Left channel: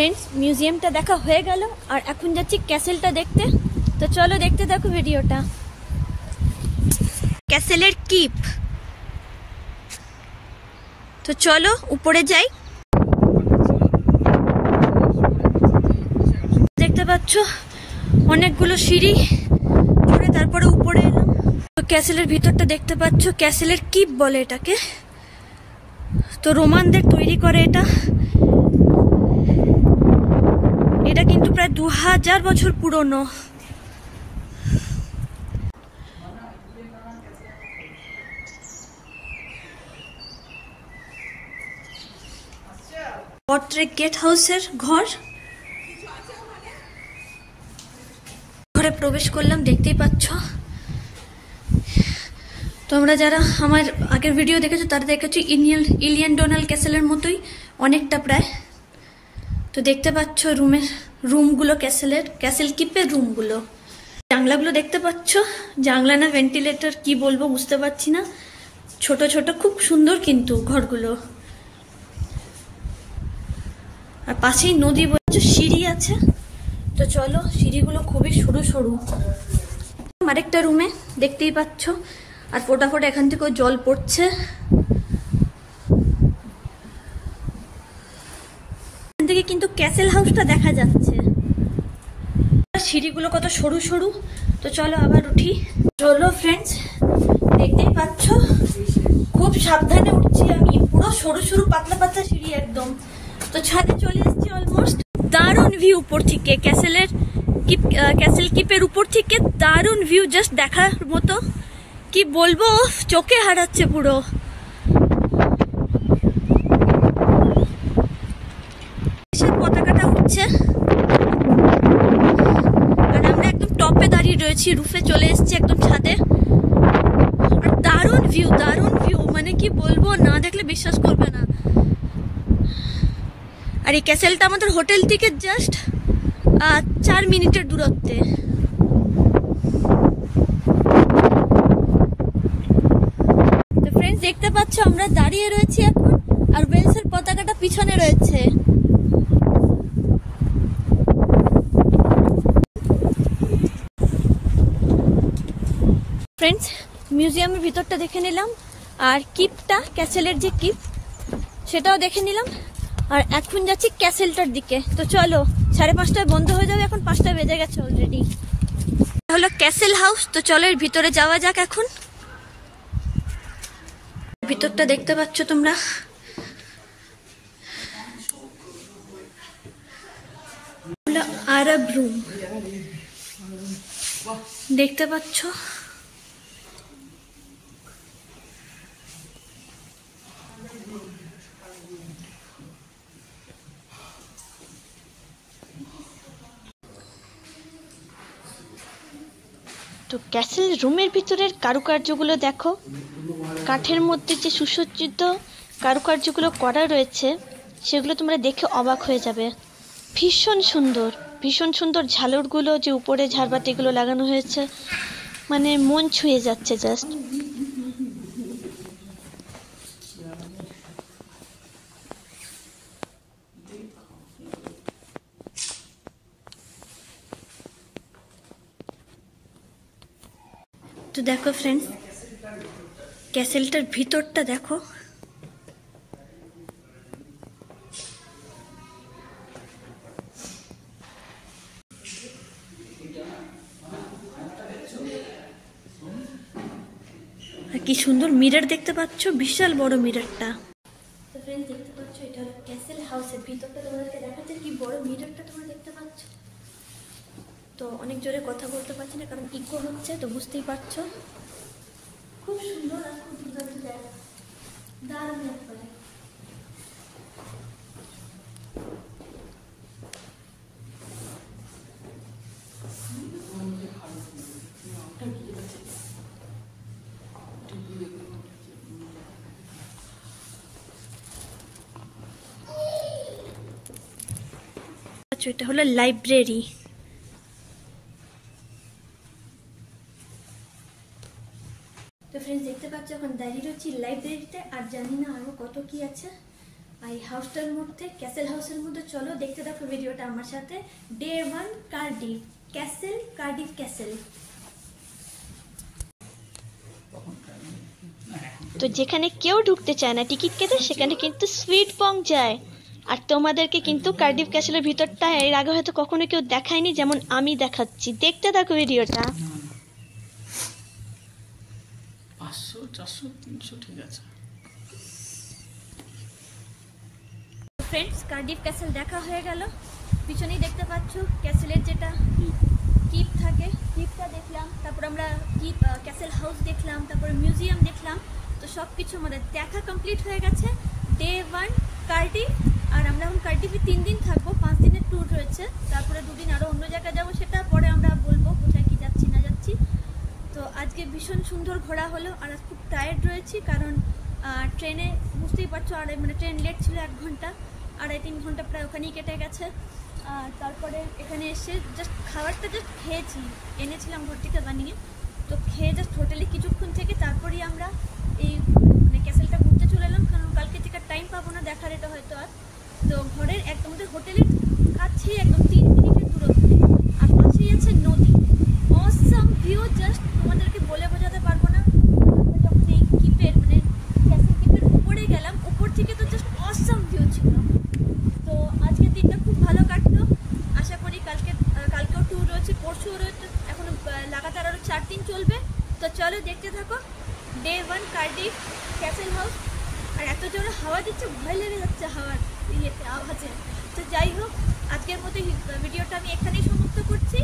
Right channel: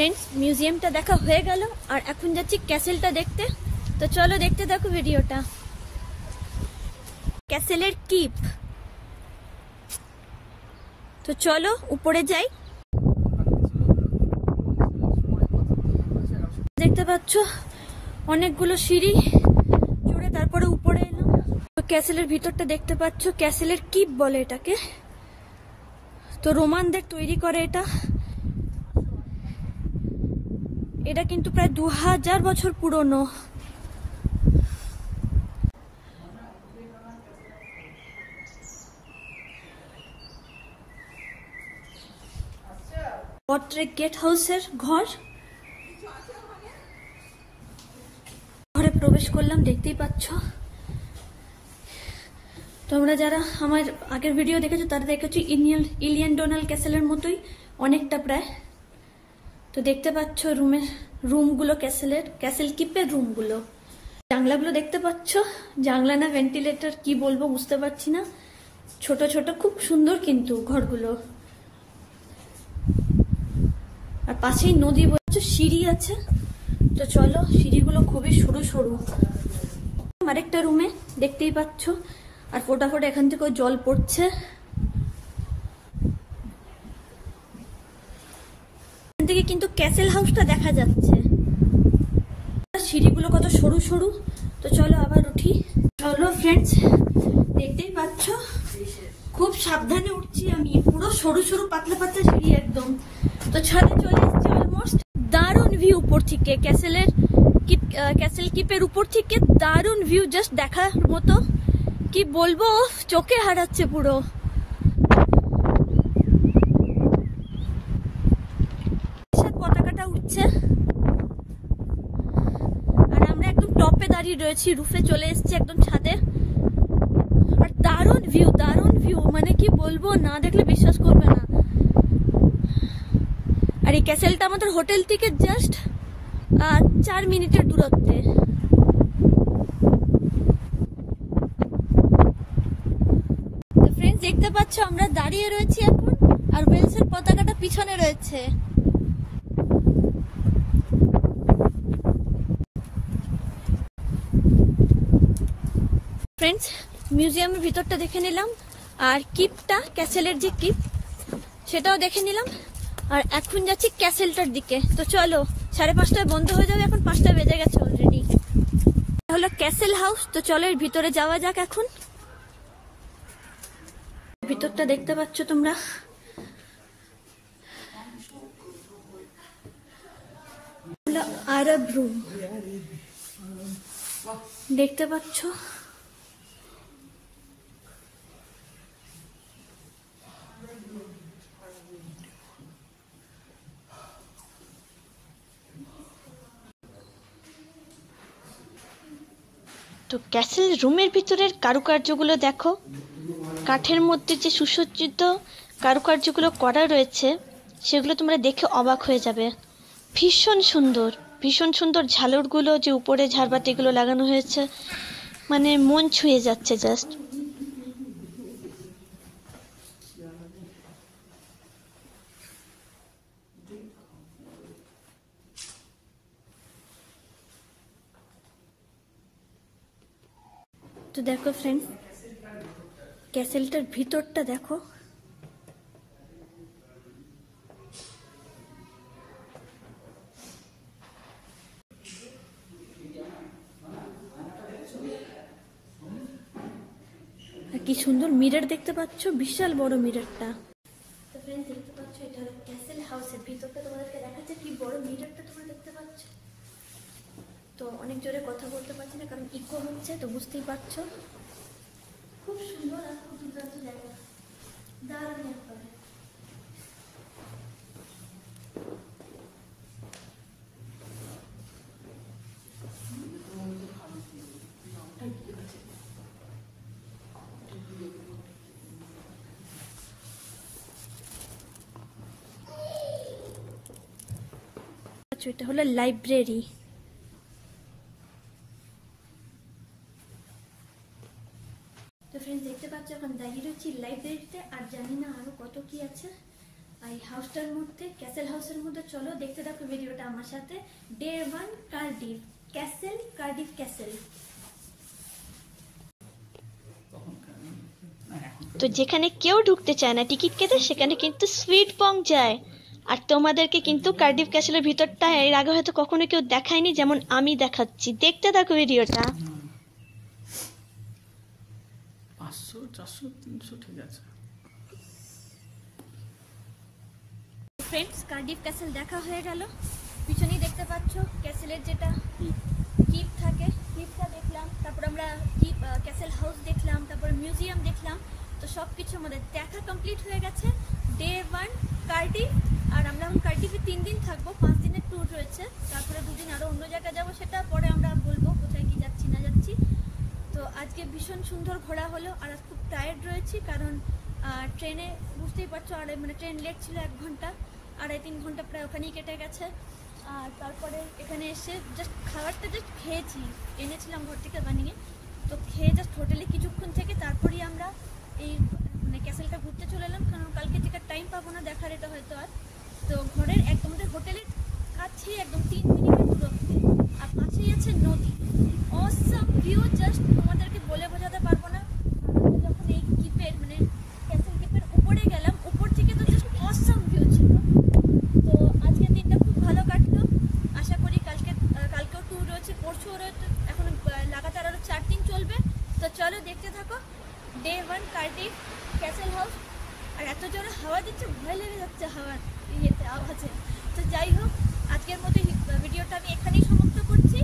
Friends म्यूजियमটা দেখা হয়ে গেল আর এখন যাচ্ছি ক্যাসেলটা দেখতে। তো চলো দেখতে থাকো ভিডিওটা। ক্যাসেলের কিপ। তো চলো উপরে যাই। দেখতে পাচ্ছ অনেকগুলো সিঁড়ি চড়ে তারপরে উপরে এলাম। তো ক্যাসেলের ভিতরটা দেখতে পাচ্ছ, ক্যাসেলের কিপ বলে এটাকে। তো রোমানদের তৈরি করে এটা। এটা কিন্তু প্রায় 2000 বছর পুরনো। পট্রেক গেট হাউসের ঘর। ঘরে প্রবেশ করলাম, দেখতেই পাচ্ছ। তোমরা যারা আমার আগের ভিডিও দেখেছো তারা দেখেছো ইলিয়ান ডোনাল ক্যাসেলের মতোই অনেকটা প্রায়। তো দেখতে পাচ্ছ রুমগুলো ক্যাসেল কিপের রুমগুলো। জানলাগুলো দেখতে পাচ্ছ, জানলা না ভেন্টিলেটর কি বলবো বুঝতে পারছি না। ছোট ছোট খুব সুন্দর কিন্তু ঘরগুলো। আর পাশেই নদী বলছে, সিঁড়ি আছে। তো চলো, সিঁড়িগুলো খুবই সরু সরু। আরেকটা রুমে দেখতেই পাচ্ছ, আর ফোটাফোটা এখান থেকে জল পড়ছে। এখান থেকে কিন্তু ক্যাসেল হাউসটা দেখা যাচ্ছে। সিঁড়িগুলো কত সরু সরু। তো চলো আবার উঠি। চলো ফ্রেন্ডস, দেখতেই পাচ্ছ খুব সাবধানে উঠছি আমি। পুরো সরু সরু পাতলা পাতলা সিঁড়ি একদম। তো ছাদে চলে এসেছি অলমোস্ট। দারুণ ভিউ উপর থেকে, ক্যাসেল কিপের উপর থেকে দারুণ ভিউ, জাস্ট দেখার মতো। কি বলবো, চোখে হারাচ্ছে পুরো। দেশের পতাকাটা উঠছে আর আমরা একদম টপে দাঁড়িয়ে রয়েছি। রুফে চলে এসেছি একদম ছাদে। আর দারুণ ভিউ, মানে কি বলবো, না দেখলে বিশ্বাস করবে না। আর এই ক্যাসেলটা আমাদের হোটেল থেকে জাস্ট 4 মিনিটের দূরত্বে। তো ফ্রেন্ডস দেখতে পাচ্ছ আমরা দাঁড়িয়ে রয়েছি এখন, আর ওয়েলসের পতাকাটা পিছনে রয়েছে। ফ্রেন্ডস মিউজিয়ামের ভিতরটা দেখে নিলাম, আর কিপটা, ক্যাসেলের যে কিপ সেটাও দেখে নিলাম। আর এখন যাচ্ছি ক্যাসেলটার দিকে। তো চলো, 5:30টায় বন্ধ হয়ে যাবে, এখন 5টা বেজে গেছে অলরেডি। হলো ক্যাসেল হাউস। তো চলো এর ভিতরে যাওয়া যাক এখন। ভিতরটা দেখতে পাচ্ছ তোমরা। আরব রুম দেখতে পাচ্ছ। তো ক্যাসেল রুমের ভিতরের কারুকার্যগুলো দেখো। কাঠের মধ্যে যে সুসজ্জিত কারুকার্যগুলো করা রয়েছে সেগুলো তোমরা দেখে অবাক হয়ে যাবে। ভীষণ সুন্দর ঝালরগুলো যে উপরে ঝাড়বাতিগুলো লাগানো হয়েছে, মানে মন ছুঁয়ে যাচ্ছে জাস্ট। তো দেখো ফ্রেন্ডস, ক্যাসেলটার ভিতরটা দেখো। আর কি সুন্দর মিরর দেখতে পাচ্ছ, বিশাল বড় মিররটা। তো ফ্রেন্ডস দেখতে পাচ্ছ, এটা ক্যাসেল হাউসের ভিতরটা তোমাদেরকে দেখাচ্ছে। কি বড় মিররটা তোমরা দেখতে পাচ্ছ। তো অনেক জোরে কথা বলতে পারছি না কারণ ইকো হচ্ছে, তো বুঝতেই পারছো। খুব সুন্দর আর খুব দুর্দান্ত জায়গা, দারুণ একবারে। এটা হলো লাইব্রেরি। তো ফ্রেন্ডস দেখতে পাচ্ছ এখন দাঁড়িয়ে রয়েছি লাইব্রেরিতে, আর জানি না আরো কত কি আছে। আর এই হাউসটার মধ্যে, ক্যাসেল হাউসের মধ্যে। চলো দেখতে থাকো ভিডিওটা আমার সাথে। Day 1 Cardiff castle, Cardiff castle. তো যেখানে কেউ ঢুকতে চায় না টিকিট কেটে, সেখানে কিন্তু সুইট পং যায়। আর তোমাদেরকে কিন্তু কার্ডিফ ক্যাসেলের ভিতরটা এর আগে হয়তো কখনো কেউ দেখায়নি, যেমন আমি দেখাচ্ছি। দেখতে থাকো ভিডিওটা। 500, 400, 300 ঠিক আছে। ফ্রেন্ডস, কার্ডিফ ক্যাসেল দেখা হয়ে গেল। পিছনেই দেখতে পাচ্ছ ক্যাসেলের যেটা কিপ থাকে, কিপটা দেখলাম। তারপর আমরা কিপ ক্যাসেল হাউস দেখলাম, তারপরে মিউজিয়াম দেখলাম। তো সব কিছু আমাদের দেখা কমপ্লিট হয়ে গেছে। Day 1 Cardiff. আর আমরা এখন কার্ডিফে 3 দিন থাকবো, 5 দিনের ট্যুর রয়েছে। তারপরে 2 দিন আরও অন্য জায়গায় যাবো, সেটা পরে আমরা বলবো কোথায় কি যাচ্ছি না যাচ্ছি। তো আজকে ভীষণ সুন্দর ঘোরা হলো। আর খুব টায়ার্ড রয়েছি, কারণ ট্রেনে বুঝতেই পারছো, মানে ট্রেন লেট ছিল 1 ঘন্টা, 2.5-3 ঘন্টা প্রায় ওখানেই কেটে গেছে। আর তারপরে এখানে এসে জাস্ট খাবারটা জাস্ট খেয়েছি, এনেছিলাম ঘর থেকে বানিয়ে। তো খেয়ে জাস্ট হোটেলে কিছুক্ষণ থেকে তারপরেই আমরা এই মানে ক্যাসেলটা ঘুরতে চলে এলাম, কারণ কালকে থেকে টাইম পাবো না দেখার এটা হয়তো আর। তো ঘরের একদম হোটেলের কাছেই একদম 3 মিনিটের দূরত্বে, আর পাশেই আছে নদী। অসাম ভিউ, জাস্ট তোমাদেরকে বলে বোঝাতে পারবো না। যখন এই কিপের মানে ক্যাসেল কিপের উপরে গেলাম, উপর থেকে তো জাস্ট অসাম ভিউ ছিল। তো আজকের দিনটা খুব ভালো কাটলো। আশা করি কালকেও ট্যুর রয়েছে, পরশুও রয়েছে, এখন লাগাতার আরও 4 দিন চলবে। তো চলো দেখতে থাকো ডে 1 কার্ডিফ ক্যাসেল হাউস। আর এত জোরে হাওয়া দিচ্ছে, ভয় লেগে যাচ্ছে হাওয়ার আওয়াজে। তো যাই হোক, আজকের মতো ভিডিওটা আমি এখানেই সমাপ্ত করছি।